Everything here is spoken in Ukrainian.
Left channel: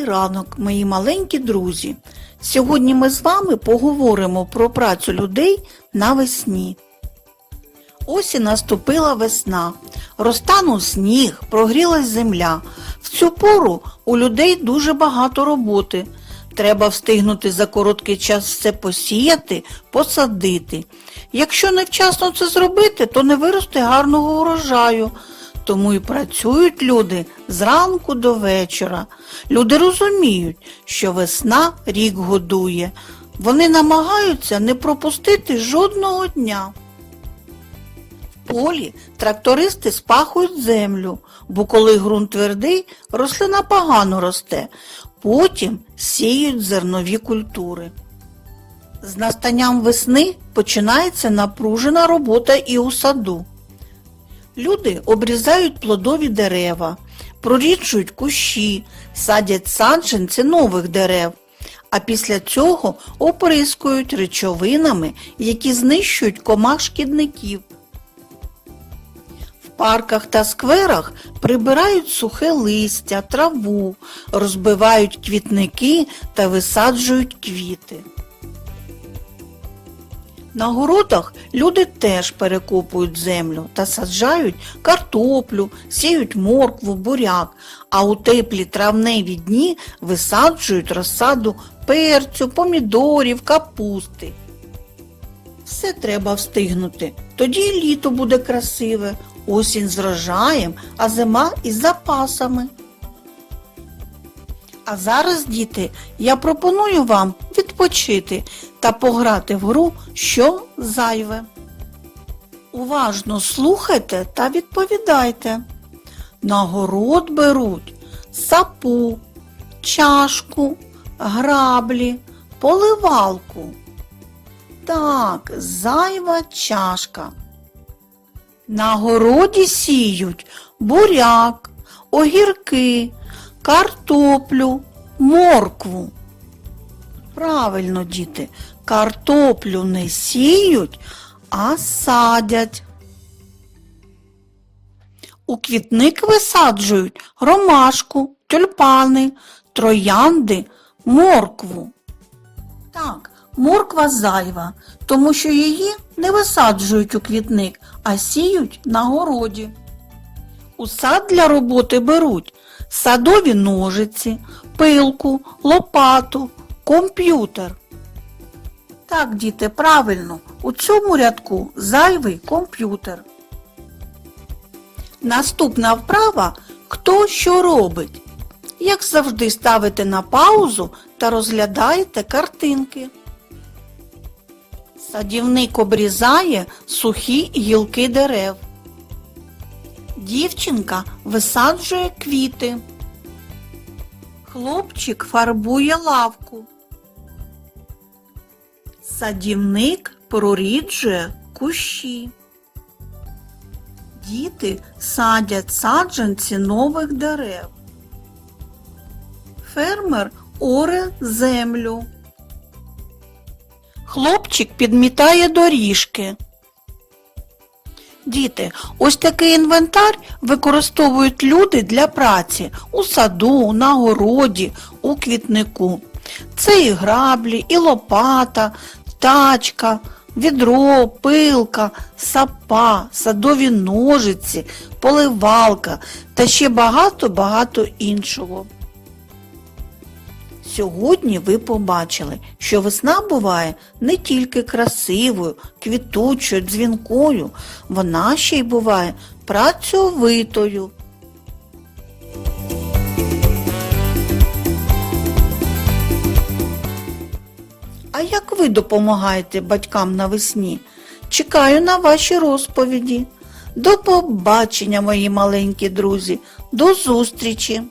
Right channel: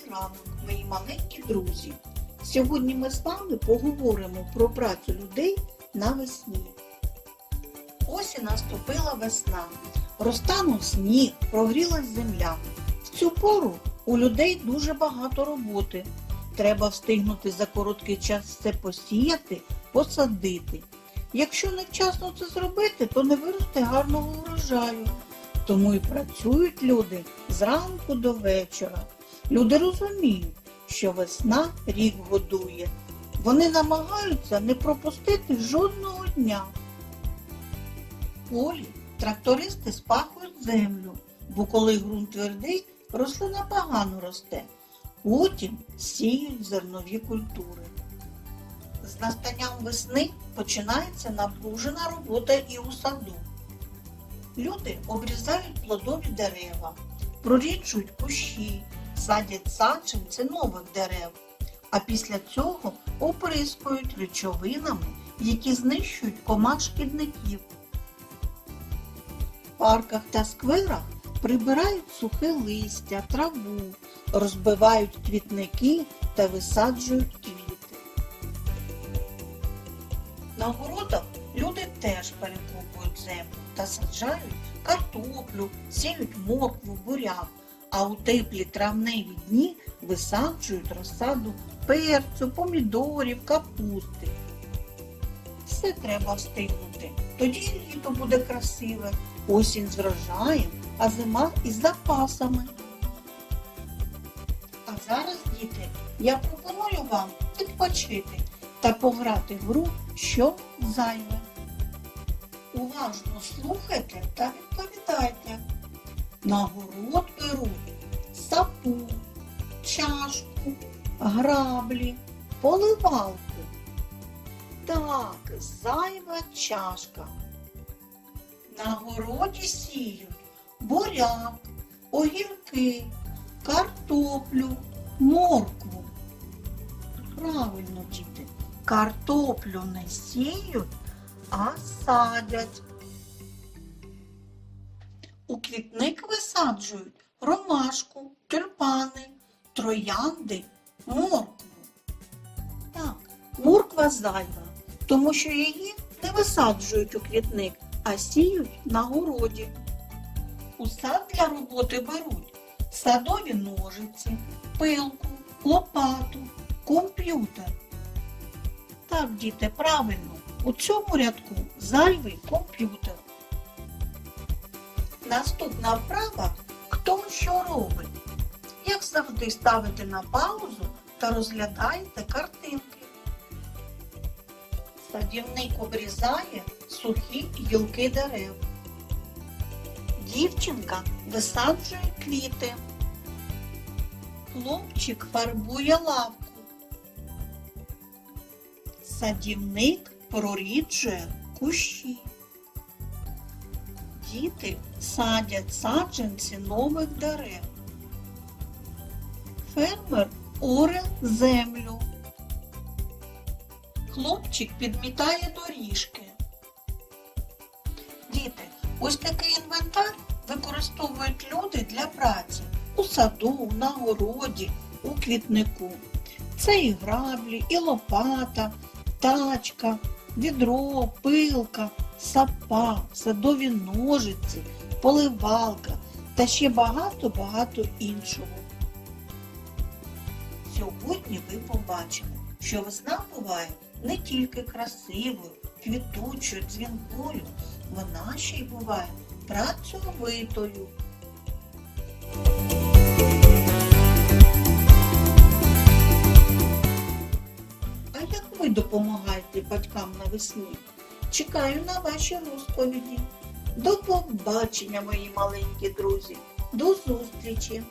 Добрий ранок, мої маленькі друзі. Сьогодні ми з вами поговоримо про працю людей навесні. Ось і наступила весна. Розтанув сніг, прогрілась земля. В цю пору у людей дуже багато роботи. Треба встигнути за короткий час все посіяти, посадити. Якщо невчасно це зробити, то не виросте гарного урожаю. Тому і працюють люди зранку до вечора. Люди розуміють, що весна рік годує. Вони намагаються не пропустити жодного дня. В полі трактористи спахують землю, бо коли ґрунт твердий, рослина погано росте. Потім сіють зернові культури. З настанням весни починається напружена робота і у саду. Люди обрізають плодові дерева, проріджують кущі, садять саджанці нових дерев, а після цього оприскують речовинами, які знищують комах шкідників. В парках та скверах прибирають сухе листя, траву, розбивають квітники та висаджують квіти. На городах люди теж перекопують землю та саджають картоплю, сіють моркву, буряк, а у теплі травневі дні висаджують розсаду перцю, помідорів, капусти. Все треба встигнути. Тоді літо буде красиве, осінь з врожаєм, а зима із запасами. А зараз, діти, я пропоную вам відпочити та пограти в гру що зайве. Уважно слухайте та відповідайте. На город беруть сапу, чашку, граблі, поливалку. Так, зайва чашка. На городі сіють буряк, огірки, картоплю, моркву. Правильно, діти, картоплю не сіють, а садять. У квітник висаджують ромашку, тюльпани, троянди, моркву. Так, морква зайва, тому що її не висаджують у квітник, а сіють на городі. У сад для роботи беруть садові ножиці, пилку, лопату, комп'ютер. Так, діти, правильно, у цьому рядку зайвий комп'ютер. Наступна вправа хто що робить. Як завжди ставите на паузу та розглядаєте картинки. Садівник обрізає сухі гілки дерев. Дівчинка висаджує квіти. Хлопчик фарбує лавку. Садівник проріджує кущі. Діти садять саджанці нових дерев. Фермер оре землю. Хлопчик підмітає доріжки. Діти, ось такий інвентар використовують люди для праці у саду, на городі, у квітнику. Це і граблі, і лопата, тачка, відро, пилка, сапа, садові ножиці, поливалка та ще багато-багато іншого. Сьогодні ви побачили, що весна буває не тільки красивою, квітучою, дзвінкою, вона ще й буває працьовитою. А як ви допомагаєте батькам навесні? Чекаю на ваші розповіді. До побачення, мої маленькі друзі, до зустрічі!